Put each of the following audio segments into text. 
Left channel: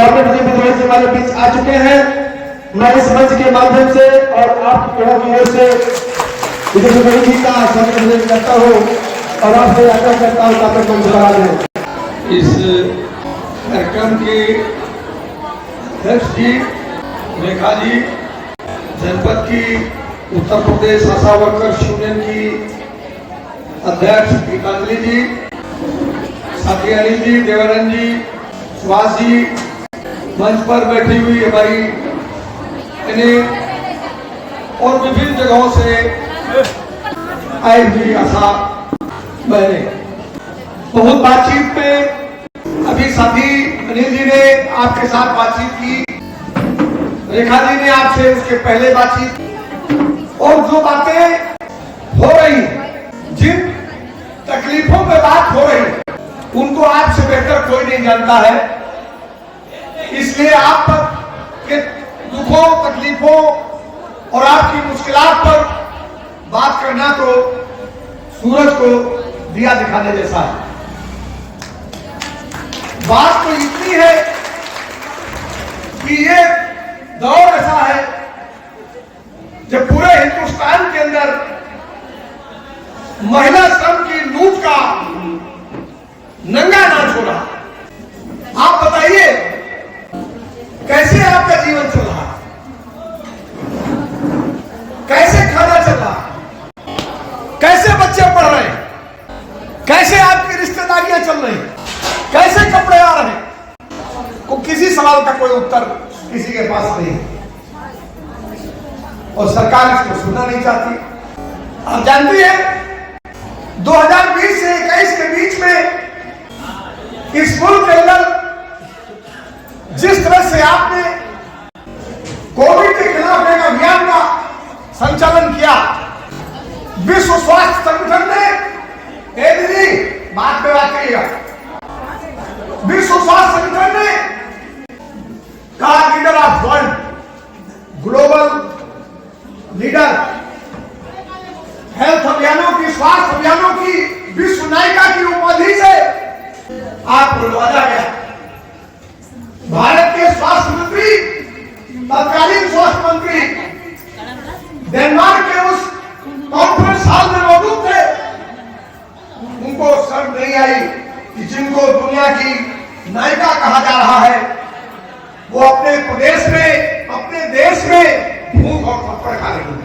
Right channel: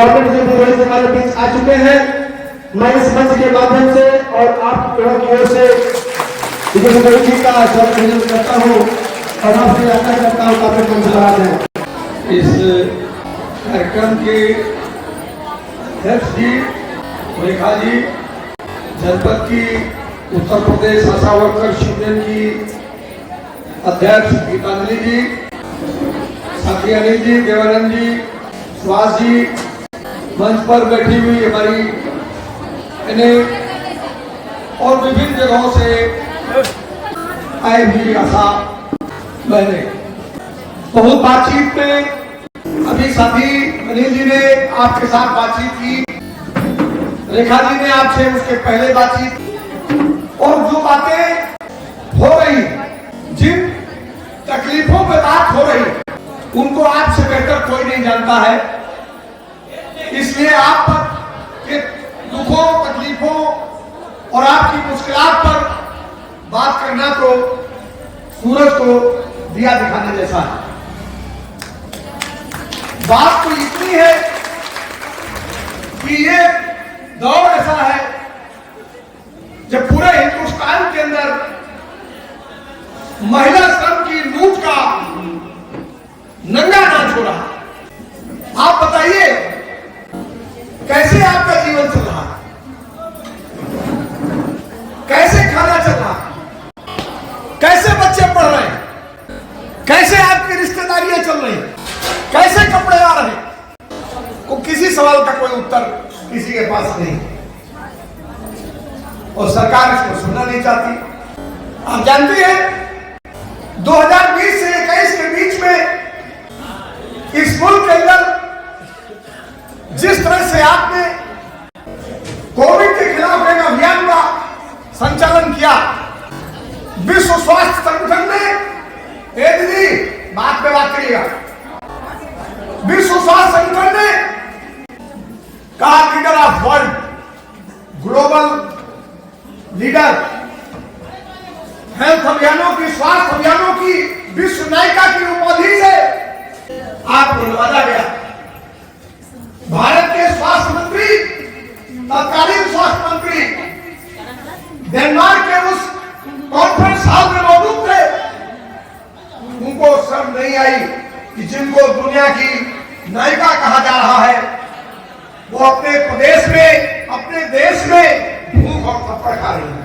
हमारे बीच आ चुके हैं। मैं इस मंच के माध्यम से और आप ओर से विजय जी का सम्मान करता हूँ और आपसे आशा करता हूँ आप कम करा दें। इस कार्यक्रम के अध्यक्ष जी रेखा जी, जनपद की उत्तर प्रदेश आशा वर्कर्स यूनियन की अध्यक्ष गीतांजलि जी, साथी अनिल जी, देवानंद जी, सुभाष जी, मंच पर बैठी हुई हमारी और विभिन्न जगहों से आई हुई आशा बहने, बहुत बातचीत में अभी साथी अनिल जी ने आपके साथ बातचीत की, रेखा जी ने आपसे उसके पहले बातचीत, और जो बातें हो रही, जिन तकलीफों पे बात हो रही, उनको आपसे बेहतर कोई नहीं जानता है। इसलिए आप के दुखों, तकलीफों और आपकी मुश्किलात पर बात करना तो सूरज को दिया दिखाने जैसा है। बात तो इतनी है कि ये दौर ऐसा है जब पूरे हिंदुस्तान के अंदर महिला श्रम की लूट का नंगा नाच हो रहा। आप बताइए कैसे आपका जीवन चल रहा है, कैसे खाना चल रहा है, कैसे बच्चे पढ़ रहे हैं, कैसे आपकी रिश्तेदारियां चल रही हैं, कैसे कपड़े आ रहे हैं, को किसी सवाल का कोई उत्तर किसी के पास नहीं और सरकार इसको सुनना नहीं चाहती। आप जानती हैं 2020 से 21 के बीच में इस मुल्क के अंदर जिस तरह से आपने कोविड के खिलाफ एक अभियान का संचालन किया, विश्व स्वास्थ्य संगठन ने दीदी बात पे बात करिएगा, विश्व स्वास्थ्य संगठन ने कहा leader of world, global leader, health अभियानों की, स्वास्थ्य अभियानों की विश्व नायिका की उपाधि से आपको नवाजा गया। भारत के स्वास्थ्य मंत्री, तत्कालीन स्वास्थ्य मंत्री डेनमार्क के उस कॉन्फ्रेंस हॉल में मौजूद थे, उनको शर्म नहीं आई कि जिनको दुनिया की नायिका कहा जा रहा है वो अपने प्रदेश में, अपने देश में भूख और थप्पड़ खा रही है।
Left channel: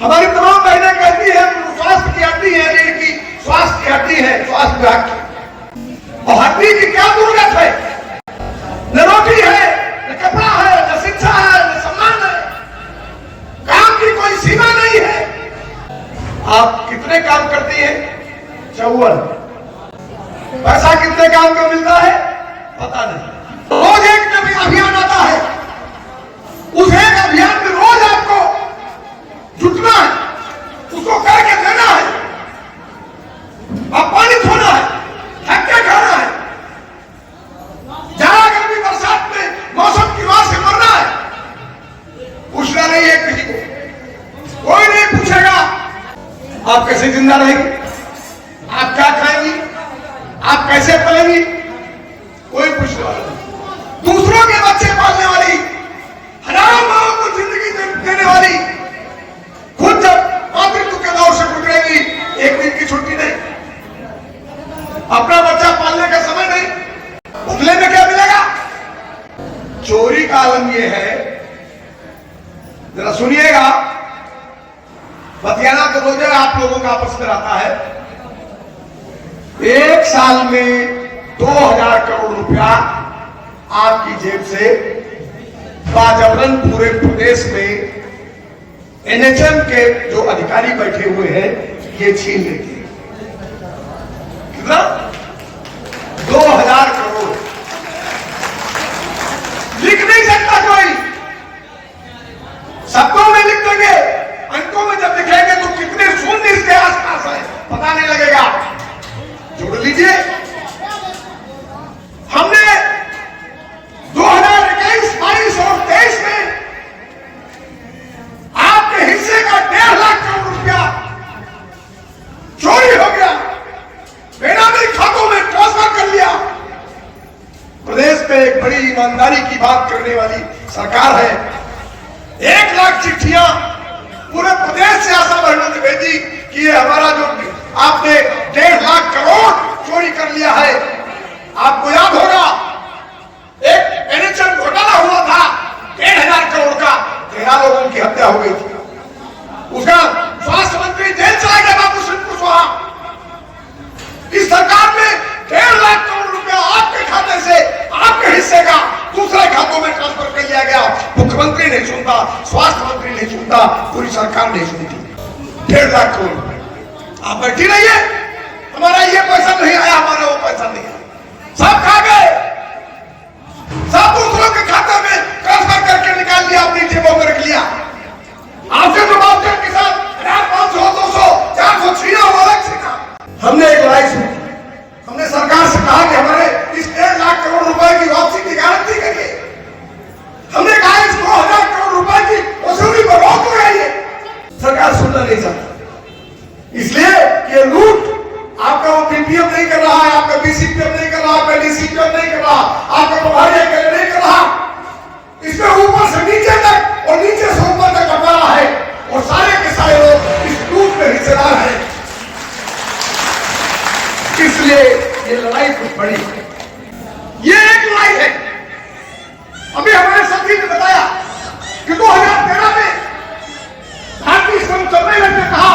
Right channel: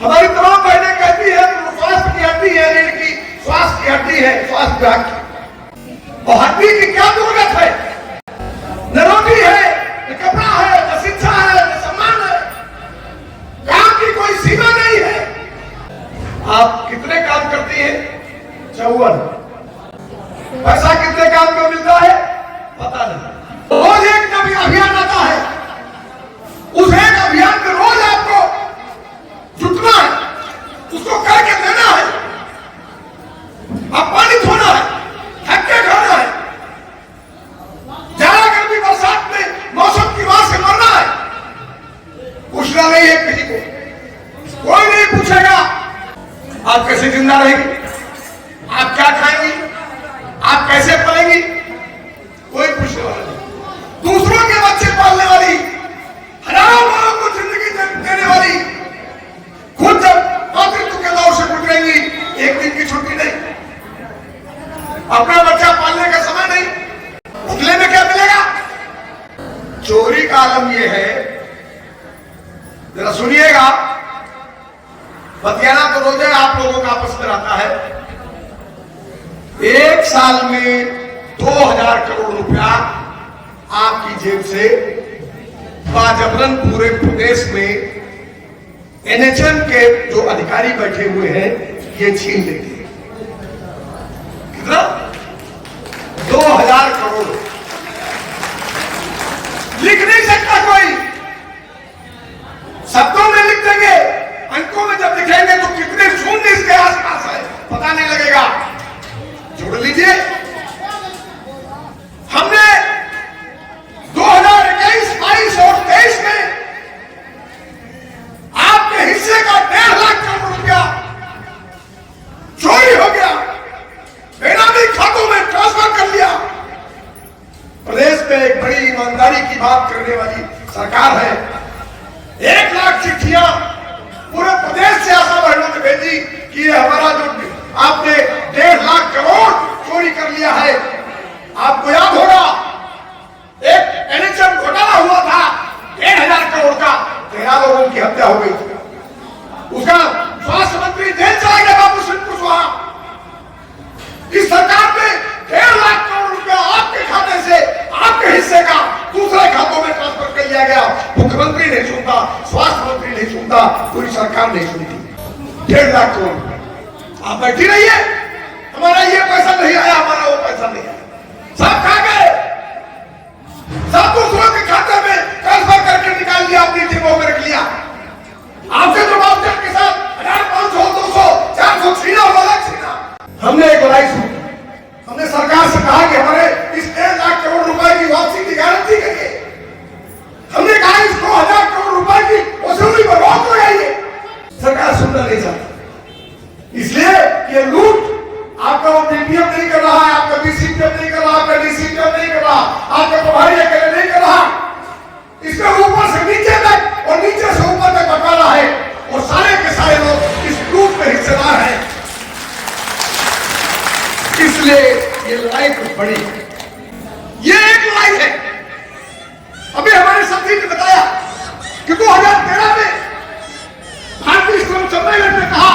हमारी तमाम बहनें कहती है कि स्वास्थ्य की हड्डी है, रीढ़ की स्वास्थ्य की हड्डी है, स्वास्थ्य विभाग की, और हड्डी की क्या जरूरत है? न रोटी है, न कपड़ा है, न शिक्षा है, न सम्मान है, काम की कोई सीमा नहीं है। आप कितने काम करती हैं? 54। पैसा कितने काम को मिलता है पता नहीं। रोज एक नया अभियान आता है, उस एक अभियान में रोज आपको जुटना है, उसको करके देना है, अपमानित होना है, हत्या करना है, जाड़ा गर्मी बरसात में मौसम की मार से मरना है। पूछना नहीं है किसी को, कोई नहीं पूछेगा आप कैसे जिंदा रहेंगे, आप क्या खाएंगी, आप कैसे पलेंगी, कोई पूछने वाला नहीं। दूसरों के बच्चे पालने वाली, हजारों माओं को जिंदगी देने वाली, खुद जब मातृत्व के दौर से गुजरेंगी, एक दिन की छुट्टी नहीं, अपना बच्चा पालने का समय नहीं, बदले में क्या मिलेगा? चोरी का आलम यह है, जरा सुनिएगा, बतियाना तो रोजे आप लोगों का आपस में रहता है। एक साल में 2000 करोड़ रुपया आपकी जेब से बाजबरन पूरे प्रदेश में एनएचएम के जो अधिकारी बैठे हुए हैं ये छीन लेते हैं। कितना? 2000 करोड़। लिख नहीं सकता कोई, शब्दों में लिख देंगे, अंकों में जब लिखेंगे तो कितने शून्य इसके आसपास है पता नहीं लगेगा। जोड़ लीजिए, हमने 2021, 22 और 23 में आपके हिस्से का 1.5 लाख करोड़ रुपया जो सरकार है। 1 लाख चिट्ठियां पूरे प्रदेश से आशा बहनों ने भेजी कि ये हमारा जो आपने 1.5 लाख करोड़ चोरी कर लिया है। आपको याद होगा एक एनएचएम घोटाला हुआ था 1,500 करोड़ का, 13 लोगों की हत्या हो गई थी। उसका स्वास्थ्य मंत्री जेल चला गया बाबू सिंह कुशवाहा। इस सरकार ने 1.5 लाख करोड़ रुपया आपके खाते से आपके हिस्से का दूसरे खातों में ट्रांसफर कर दिया गया। मुख्यमंत्री नहीं सुनता, स्वास्थ्य मंत्री नहीं सुनता, पूरी सरकार नहीं सुनती। 1.5 लाख करोड़ रुपए आप बैठी रहिए, हमारा ये पैसा नहीं आया, हमारा वो पैसा नहीं आया, सब खा गए, सब दूसरों के खाते में ट्रांसफर करके निकाल दिया, अपनी जेबों में रख लिया। आपके तो बात के साथ 1,500, 200, 400 छीना वो अलग छीना। हमने एक लड़ाई सुनी, हमने सरकार से कहा कि हमारे इस 1.5 लाख करोड़ रुपए की वापसी की गारंटी करिए। हमने कहा इस 2,000 करोड़ रुपए की वसूली पर रोक लगाइए। सरकार सुनना नहीं चाहती, इसलिए ये लूट आपका वो पीपीएफ नहीं कर रहा है, आपका बीसीपीएफ नहीं कर रहा, आपका डीसीपीएफ नहीं कर रहा, आपका प्रभारी नहीं कर रहा। इसमें ऊपर से नीचे तक और नीचे से ऊपर तक बटा है और सारे के सारे लोग इस लूट में हिस्सेदार हैं। इसलिए ये लड़ाई कुछ बड़ी है, ये एक लड़ाई है। अभी हमारे साथी ने बताया कि 2013 में भारतीय श्रम सम्मेलन ने कहा,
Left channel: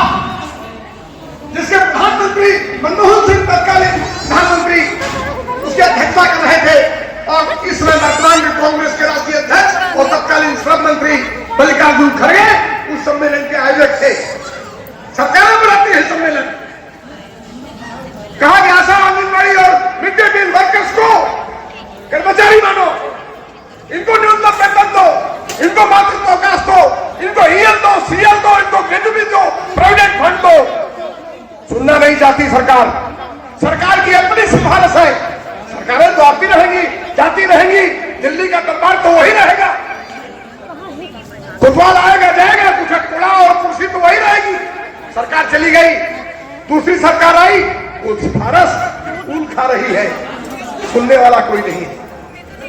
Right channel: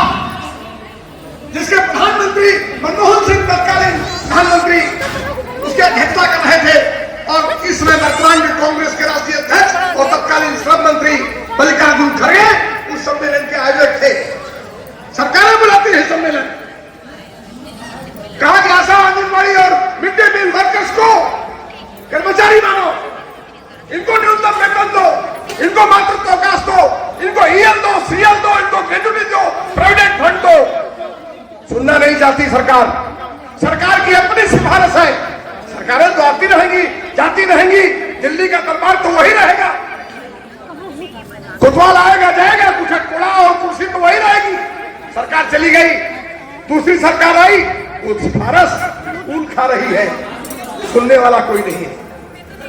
जिसके प्रधानमंत्री मनमोहन सिंह तत्कालीन प्रधानमंत्री उसकी अध्यक्षता कर रहे थे, और इसमें वर्तमान में कांग्रेस के राष्ट्रीय अध्यक्ष और तत्कालीन श्रम मंत्री मल्लिकार्जुन खड़गे उस सम्मेलन के आयोजक थे। सरकारें बुलाती है सम्मेलन। कहा कि आशा आंगनबाड़ी और मिड डे मील वर्कर्स को कर्मचारी मानो, इनको न्यूनतम वेतन दो, इनको मातृत्व अवकाश दो, इनको ईएल दो, सीएल दो, इनको ग्रेजुटी दो, प्रोविडेंट फंड दो। सुनना नहीं चाहती सरकार। सरकार की अपनी सिफारिश है, सरकारें तो आती रहेंगी, जाती रहेंगी, दिल्ली का दरबार तो वही रहेगा, कोतवाल आएगा जाएगा, कुछ कोड़ा और कुर्सी तो वही रहेगी। सरकार चली गई, दूसरी सरकार आई, वो सिफारिश खून खा रही है, सुनने वाला कोई नहीं।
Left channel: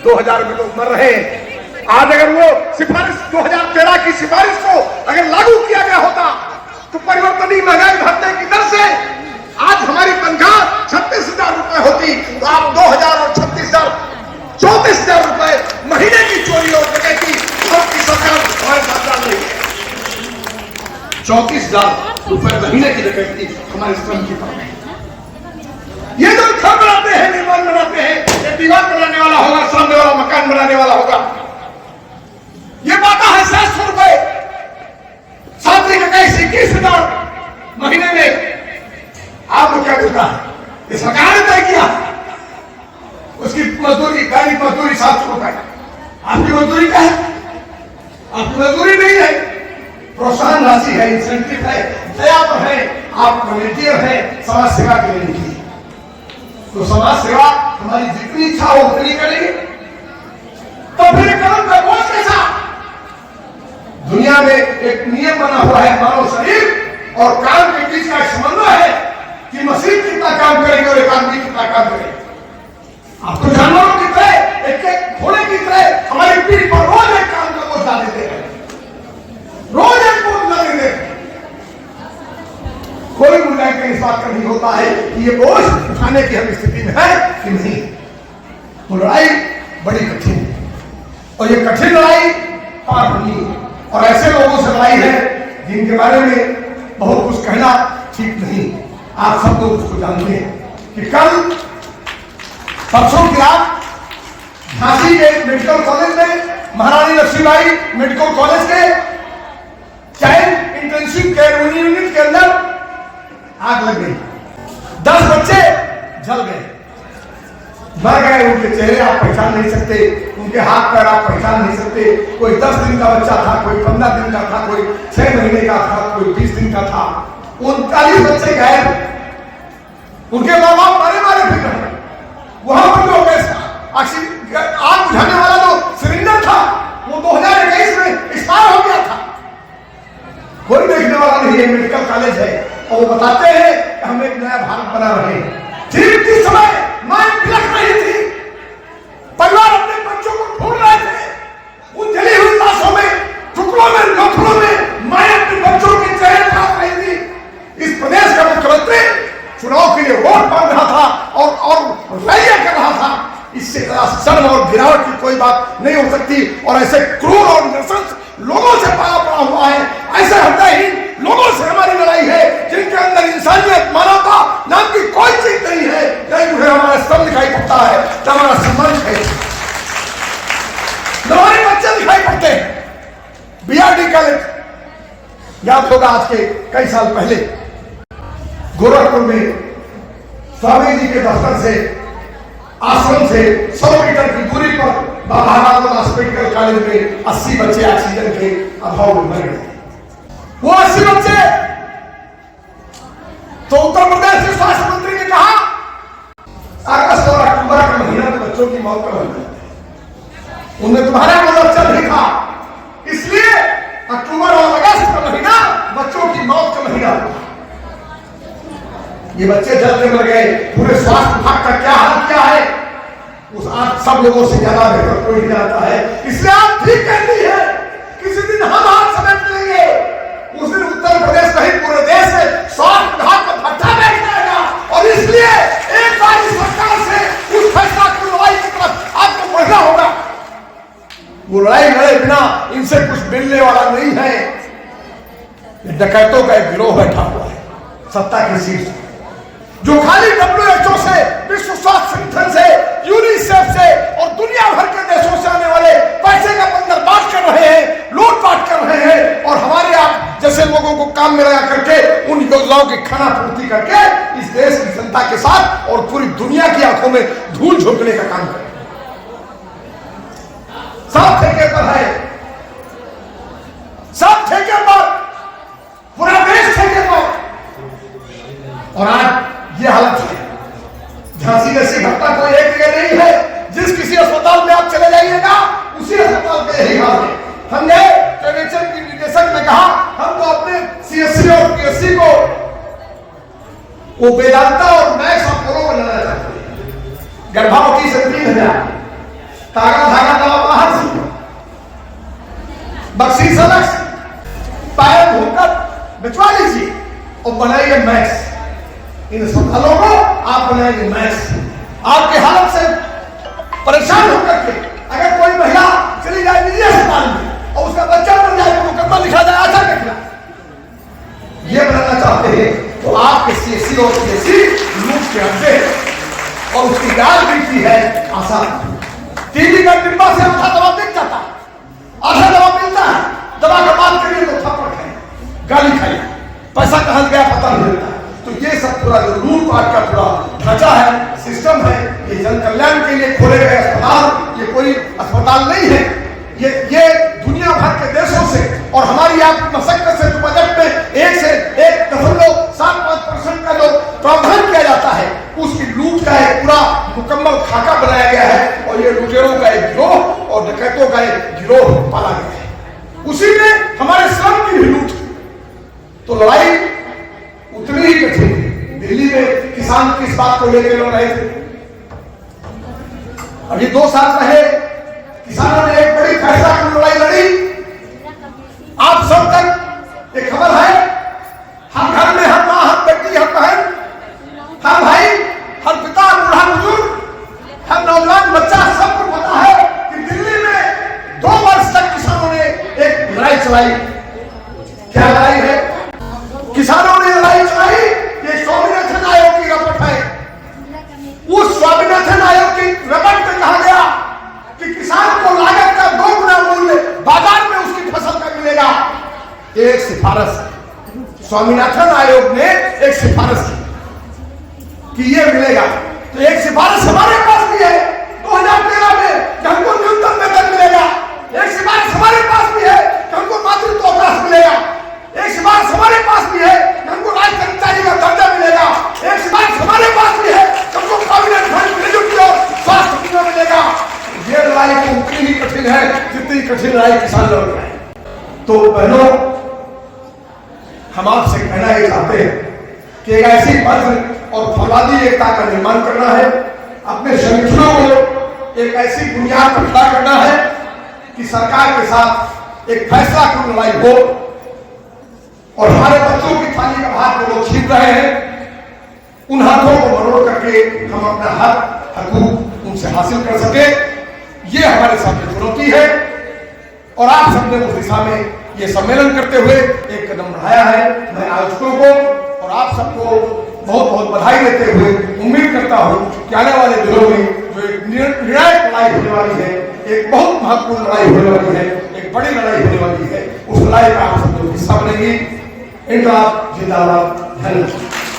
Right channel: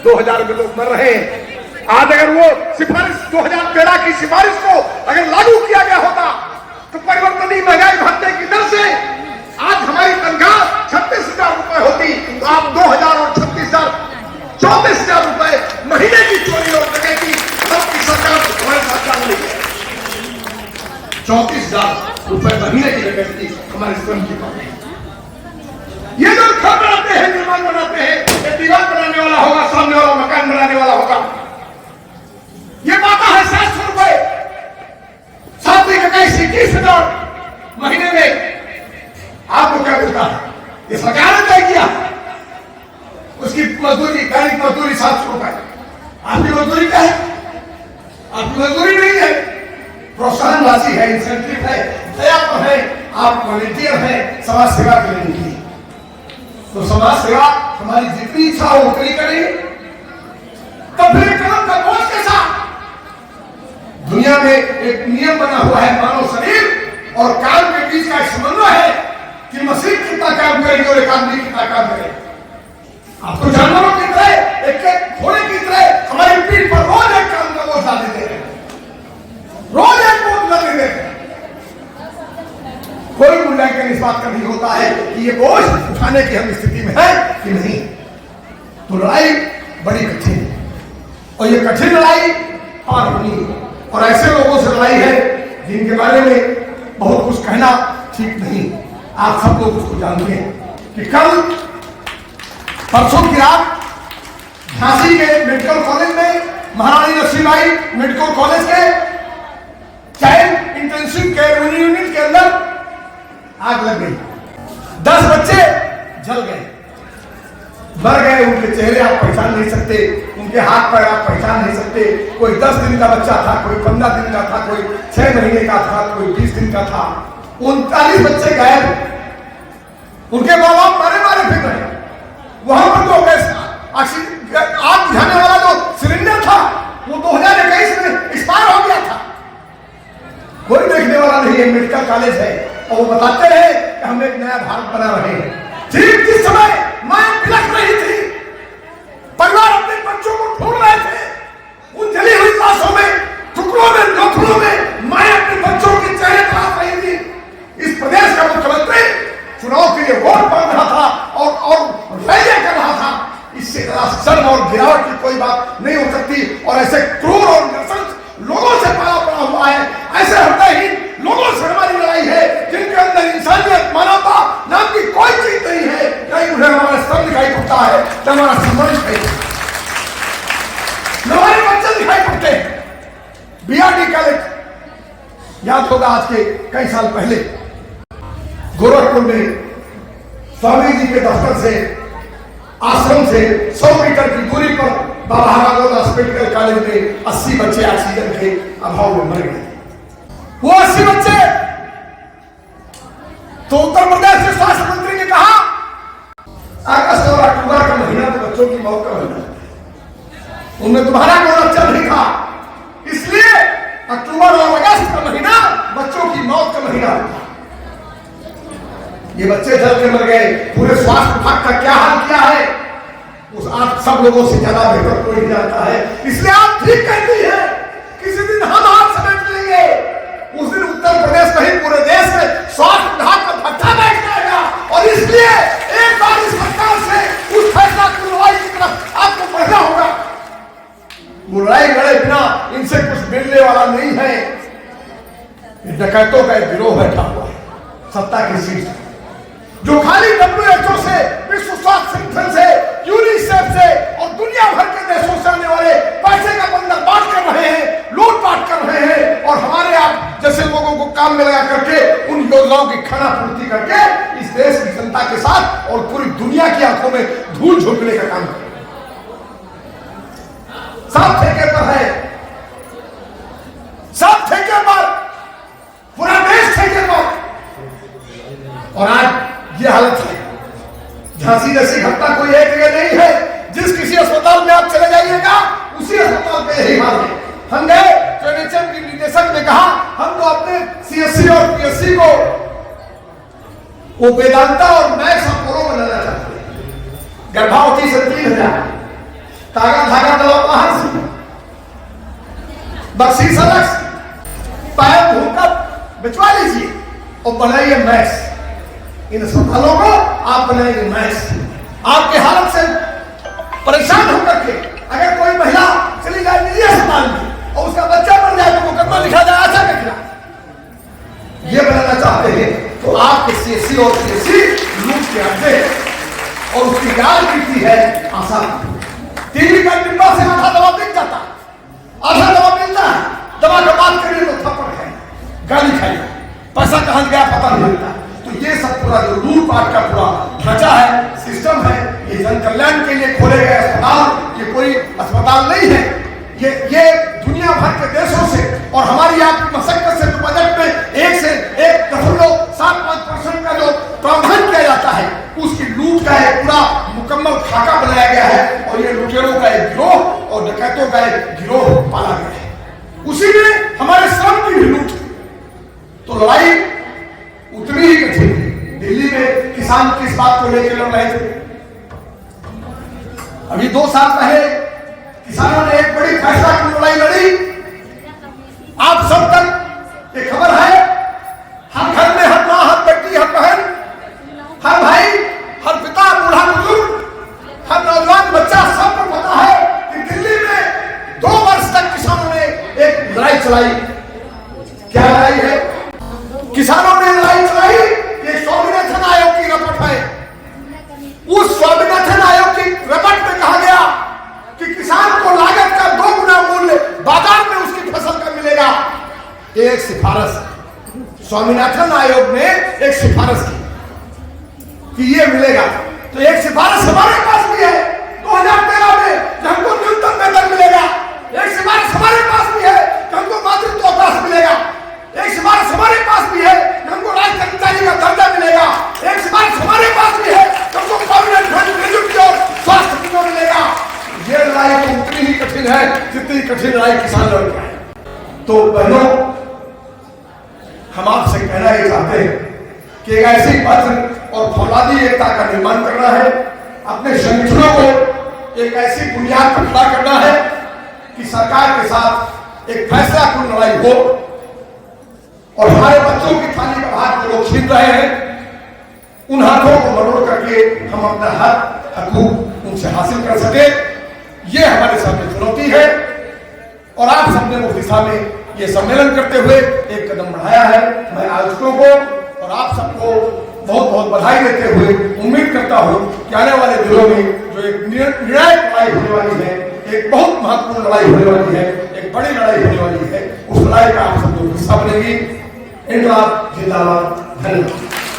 2000 में लोग मर रहे हैं। आज अगर वो सिफारिश 2013 की सिफारिश को अगर लागू किया गया होता तो परिवर्तनीय महंगाई भत्ते की दर से आज हमारी तनख्वाह 36,000 रुपए होती, तो आप 2,000 और 36,000 34,000 रुपए महीने की चोरी और डकैती सबकी सरकार हमारे साथ डाल रही है। 34,000 रुपए महीने की डकैती हमारे श्रम की पर नहीं। ये जो घर बनाते हैं, निर्माण बनाते हैं, ये दीवार बनाने वाला होगा, सामने वाला मकान बनाने वाला होगा, ये पाता है 700 रुपए, 21,000 महीने में। आपको क्या देता है? ये सरकार ने तय किया। उसकी मजदूरी, दैनिक मजदूरी 700 रुपए। आपकी मजदूरी क्या है? आपकी मजदूरी नहीं है, प्रोत्साहन राशि है, इंसेंटिव है, दया है, आप वॉलंटियर है, समाज सेवा के लिए निकली। तो समाज सेवा हमारी जितनी इच्छा हो उतनी करेंगे, तो फिर कदम का बोझ कैसा? दुनिया में एक नियम बना हुआ है, मानव शरीर और काम के बीच का समन्वय है कि मशीन कितना काम करेगी और एक आदमी कितना काम करेगा। आप तो जानवरों की तरह, एक घोड़े की तरह हमारी पीठ पर रोज एक काम का बोझ डाल देते हैं, रोज एक बोझ लगे देते हैं। कोई मूल्यांकन इस बात का नहीं होता है कि ये बोझ उठाने की हम स्थिति में है कि नहीं। तो लड़ाई बड़ी कठिन है, और ये कठिन लड़ाई पार होनी है, और ऐसे लोगों से लड़ाई है जिनके बारे में बहुत कुछ कहना ठीक नहीं। आप सब लोग उसको जानते हैं कि कल परसों की रात झांसी के मेडिकल कॉलेज में, महारानी लक्ष्मीबाई मेडिकल कॉलेज के चाइल्ड इंटेंसिव केयर यूनिट के अंदर आग लग गई। 10 बच्चे जल गए, मर गए। उनके चेहरे आप पहचान नहीं सकते, उनके हाथ पैर आप पहचान नहीं सकते। कोई 10 दिन का बच्चा था, कोई 15 दिन का था, कोई 6 महीने का था, कोई 20 दिन का था। 39 बच्चे गायब। उनके माँ बाप मारे मारे फिर रहे। वहां पर जो आग बुझाने वाला जो सिलेंडर था वो 2021 में एक्सपायर हो गया था। कोई देखने वाला नहीं है, मेडिकल कॉलेज है, और वो बताते हैं कि हम एक नया भारत बना रहे हैं। ठीक जिस समय मां बिलख रही थी, परिवार अपने बच्चों को ढूंढ रहे थे, उन जली ऐसे हृदयहीन लोगों से हमारी लड़ाई है जिनके अंदर इंसानियत, मानवता नाम की कोई चीज नहीं है। नहीं उन्हें हमारा स्तंभ दिखाई पड़ता है, न हमारा सम्मान है, न हमारे बच्चे दिखाई पड़ते हैं। बीआरडी कॉलेज याद होगा, आज के कई साल पहले गोरखपुर में स्वामी जी के दफ्तर से, आश्रम से 100 मीटर की दूरी पर बाबा रामदास मेडिकल कॉलेज में 80 बच्चे ऑक्सीजन के अभाव में मर गए। वो 80 बच्चे, तो उत्तर प्रदेश के स्वास्थ्य मंत्री ने कहा अगस्त और अक्टूबर का महीना तो बच्चों की मौत का महीना है, उनमें तुम्हारा कोई बच्चा नहीं था, इसलिए अक्टूबर और अगस्त का महीना बच्चों की मौत का महीना होता। ये बच्चे जल्द मर गए। पूरे स्वास्थ्य विभाग का क्या हाल किया है उस आप सब लोगों से ज्यादा बेहतर कोई नहीं जानता है। इसलिए आप ठीक कहती है, किसी दिन हम हाथ समेट लेंगे, उस दिन उत्तर प्रदेश नहीं पूरे देश में स्वास्थ्य विभाग का भट्टा बैठ जाएगा। और इसलिए एक बार इस सरकार से उस फैसला की लड़ाई की तरफ आपको बढ़ना होगा। वो लड़ाई लड़े बिना इनसे कुछ मिलने वाला नहीं है। डकैतों का एक गिरोह बैठा हुआ है सत्ता की सीट, जो खाली WHO से, विश्व स्वास्थ्य संगठन से, यूनिसेफ से और दुनिया भर के देशों से आने वाले पैसे का बंदरबांट कर रहे हैं, लूटपाट कर रहे हैं, और हमारे आप जैसे लोगों को काम में लगा करके उन योजनाओं की खाना पूर्ति करके इस देश की जनता के साथ और पूरी दुनिया की आंखों में धूल झोंकने का काम कर, सब ठेके पर है, सब ठेके पर, पूरा देश ठेके पर। और आज ये हालत है। झांसी जैसी घटना कोई एक जगह नहीं है। जिस किसी अस्पताल में आप चले जाइएगा उसी अस्पताल का यही हाल है। हम गए तो एनएचएम की निदेशक ने कहा हम तो अपने सीएससी और पीएससी को वो वेदांता और मैक्स अपोलो बनाना चाहते हैं। गर्भावती से 3000, तागा धागा दवा बाहर से, बक्सी सलक्स, पायल भूकप बिचवा लीजिए और बनाइए मैक्स। इन अस्पतालों को आप बनाएंगे मैक्स। आपके हालत से परेशान होकर के अगर कोई महिला चली जाए निजी अस्पताल में और उसका बच्चा बन जाए तो मुकदमा लिखा जाए आशा के खिलाफ, ये बनाना चाहते हैं तो आपके सीएससी और पीएससी लूट के अड्डे और उसकी गाल मिलती है आसान। टीवी का डिब्बा से आधा दवा मिल जाता, आधा दवा मिलता है, दवा का बात करिए तो थप्पड़ खाइए, गाली खाइए, पैसा कहां गया पता नहीं लगता। तो ये सब पूरा जो लूटपाट का पूरा ढांचा है, सिस्टम है, ये जन कल्याण के लिए खोले गए अस्पताल ये कोई अस्पताल नहीं है। ये दुनिया भर के देशों से और हमारी आपकी मशक्कत से जो बजट में 1.75% का जो प्रावधान किया जाता है उसकी लूट का एक पूरा मुकम्मल खाका बनाया गया है। और ये लुटेरों का एक गिरोह और डकैतों का एक गिरोह पाला गया है। उसी में हमारे श्रम की भी लूट। तो लड़ाई उतनी ही कठिन। दिल्ली में किसान किस बात को लेकर लड़ रहे थे? अभी 2 साल पहले किसानों ने एक बड़ी फैसला की लड़ाई लड़ी। आप सब तक एक खबर है, हर घर में हर माँ, हर बेटी, हर बहन, हर भाई, हर पिता, बूढ़ा बुजुर्ग, हर नौजवान बच्चा सबको पता है कि दिल्ली में 2 वर्ष तक किसानों ने एक लड़ाई चलाई। क्या लड़ाई है? किसानों ने लड़ाई चलाई। ये स्वामीनाथन आयोग की रिपोर्ट है। उस स्वामीनाथन आयोग की रिपोर्ट में कहा गया कि किसान को लागत का 2 गुना मूल्य बाजार में उसकी फसल का मिलेगा। एक सिफारिश स्वामीनाथन आयोग ने एक सिफारिश की कि ये मिलेगा। तो एक सिफारिश हमारे पास भी है 2013 में हमको न्यूनतम वेतन मिलेगा। एक सिफारिश हमारे पास भी है हमको मातृत्व अवकाश मिलेगा। एक सिफारिश हमारे पास भी है हमको राज्य कर्मचारी का दर्जा मिलेगा। एक सिफारिश हमारे पास भी है हमको प्रोविडेंट फंड ग्रेजुएटी और स्वास्थ्य बीमा मिलेगा। ये लड़ाई तो उतनी ही कठिन है जितनी कठिन लड़ाई किसान लड़ रहा है। तो बहनों, हम आपसे कहना ये चाहते हैं कि एक ऐसी पद और फौलादी एकता का निर्माण करना है। अपने संगठनों को एक ऐसी बुनियाद पर खड़ा करना है कि सरकार के साथ एक फैसला कुन लड़ाई हो और हमारे बच्चों की थाली का भार जो लोग छीन रहे हैं उन हाथों को मरोड़ करके हम अपना हक हकूक उनसे हासिल कर सके। ये हमारे सामने चुनौती है। और आप सबने उस दिशा में ये सम्मेलन करते हुए एक कदम बढ़ाया है। मैं आयोजकों को और आप सबको बहुत बहुत बधाई देते हुए उम्मीद करता हूं कि आने वाले दिनों में जो एक निर्णायक लड़ाई होने वाली है, एक बहुत महत्वपूर्ण लड़ाई होने वाली है, एक बड़ी लड़ाई होने वाली है, उस लड़ाई का आप सब लोग हिस्सा बनेंगी। इनकलाब जिंदाबाद। धन्यवाद।